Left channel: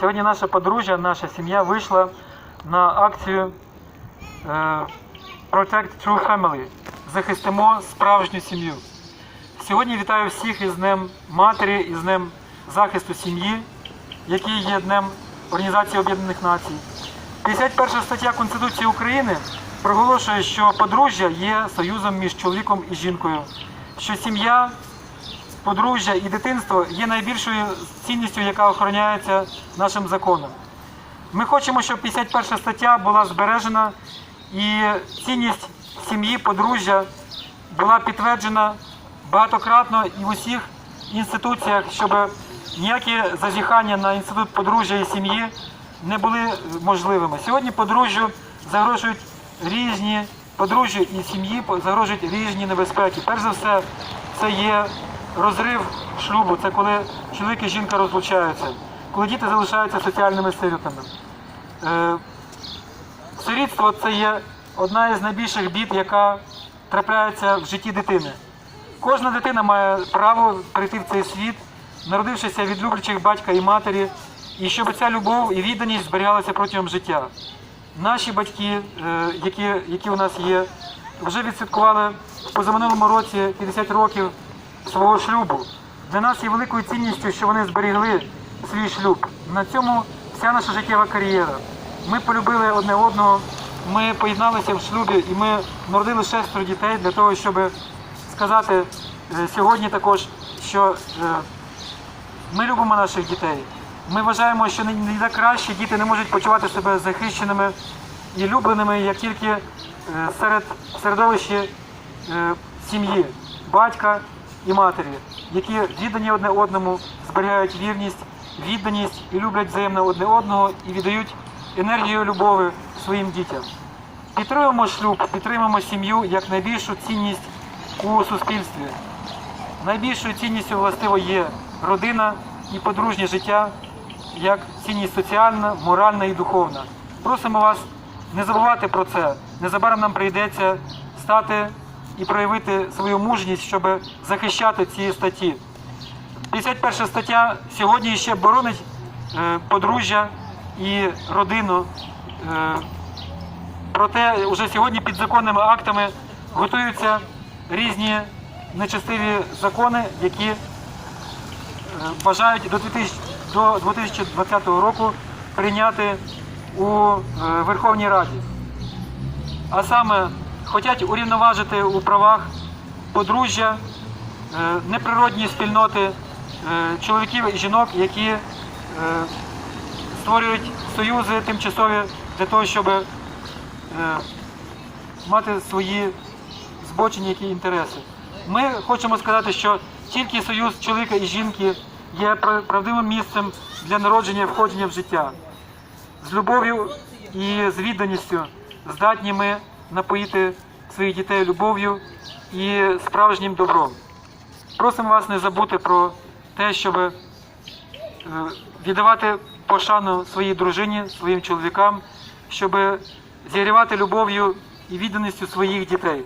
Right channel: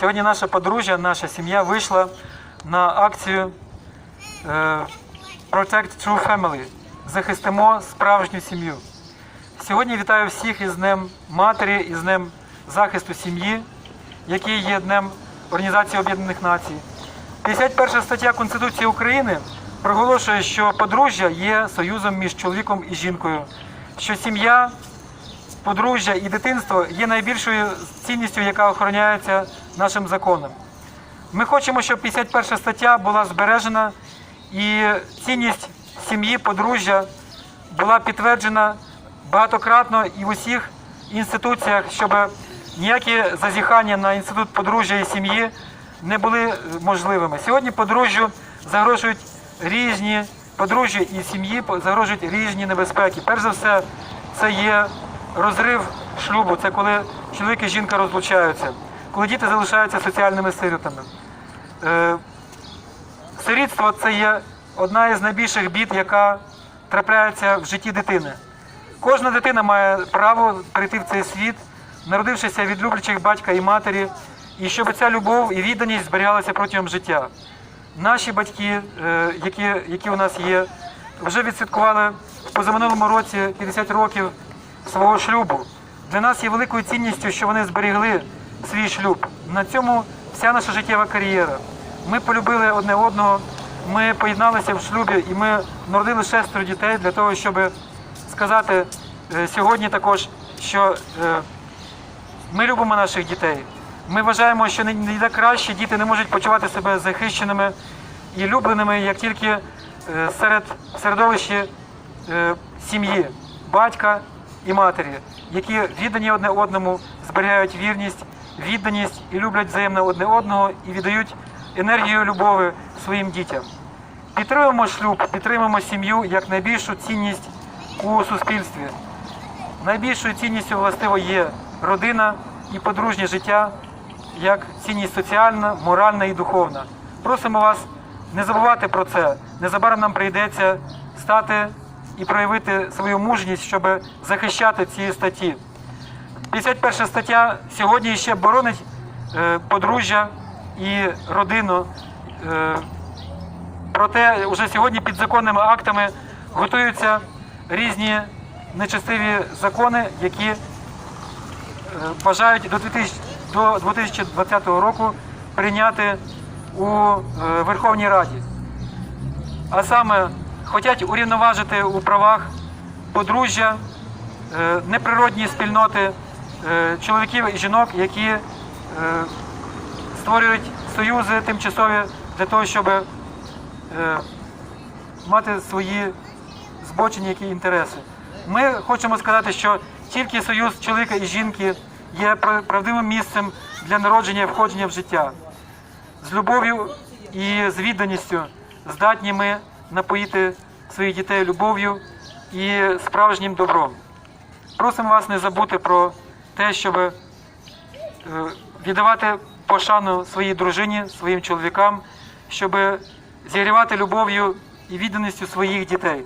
Сьогодні наша подружжя, наша сім'я вийшла на акцію е, Protect True Family. Захистимо справжню сім'ю. Сьогодні вітаю всіх із Днем Матері, із Днем захисту сім'ї, який є Днем Організації Об'єднаних Націй. 51 стаття Конституції України проголошує, що подружжя є союзом між чоловіком і жінкою, що сім'я, подружжя і дитинство є найбільшою цінністю, яка охороняється нашим законом. Ми хочемо, щоб 51 стаття була збережена і цінність сім'ї, подружжя була підтверджена багатократно і в усіх інституціях, щоб ніякі зазіхання на інститут подружжя і сім'ї не були можливими. Сьогодні подружжю загрожують різні подружжя і сім'ї загрожують різні небезпеки. Перш за все, це є розрив шлюбу, це коли чоловік і жінка розлучаються, коли діти залишаються соціальними сиротами. Е, Сирітство це є одна із найбільших бід, яка трапляється в житті дитини. Кожна дитина має право прийти в цей світ, народившися від люблячих батька і матері, і щоб ця любов і відданість зберігалася протягом життя. Наші батьки, е, які, які у нас є, вже відсвяткували позаминулому році 50 років свого шлюбу. Для нас є великою цінністю, що вони зберігли свій шлюб. На цьому вся наша життєва кар'єра. Ми полюбили одне одного, ми поєдналися в шлюбі і ми народили шестеро дітей для того, щоб сказати е, сьогодні також, що е, ми любимо наших дітей. Ми вважаємо, що не краще, діти не можуть почувати себе захищеними і любленими, як тільки е, серед середовища е, сім'ї, батька і матері, які віддані одне одному, зберігають вірність, відданість і люблять взаємно одне одного і віддають енергію любові своїм дітям. Підтримуємо шлюб, підтримуємо сім'ю як найбільшу цінність у суспільстві. Найбільшою цінністю властиво є родина і подружнє життя як цінність соціальна, моральна і духовна. Просимо вас не забувати про це. Незабаром нам прийдеться стати і проявити свою мужність, щоб захищати ці статті. 51 стаття сьогодні ще боронить е, подружжя і родину. Е, Проте вже сьогодні під законними актами готуються різні нечестиві закони, які е, бажають до 2020 року прийняти у Верховній Раді. А саме хочуть урівноважити у правах подружжя, е, неприродні спільноти е, чоловіків і жінок, які е, створюють союзи тимчасові для того, щоб мати свої збочені які інтереси. Ми хочемо сказати, що тільки союз чоловіка і жінки є пра- правдивим місцем для народження і входження в життя. З любов'ю і з відданістю здатні ми напоїти своїх дітей любов'ю і справжнім добром. Просимо вас не забути про те, щоб е, віддавати пошану своїй дружині, своїм чоловікам, щоб зігрівати любов'ю і відданістю своїх дітей.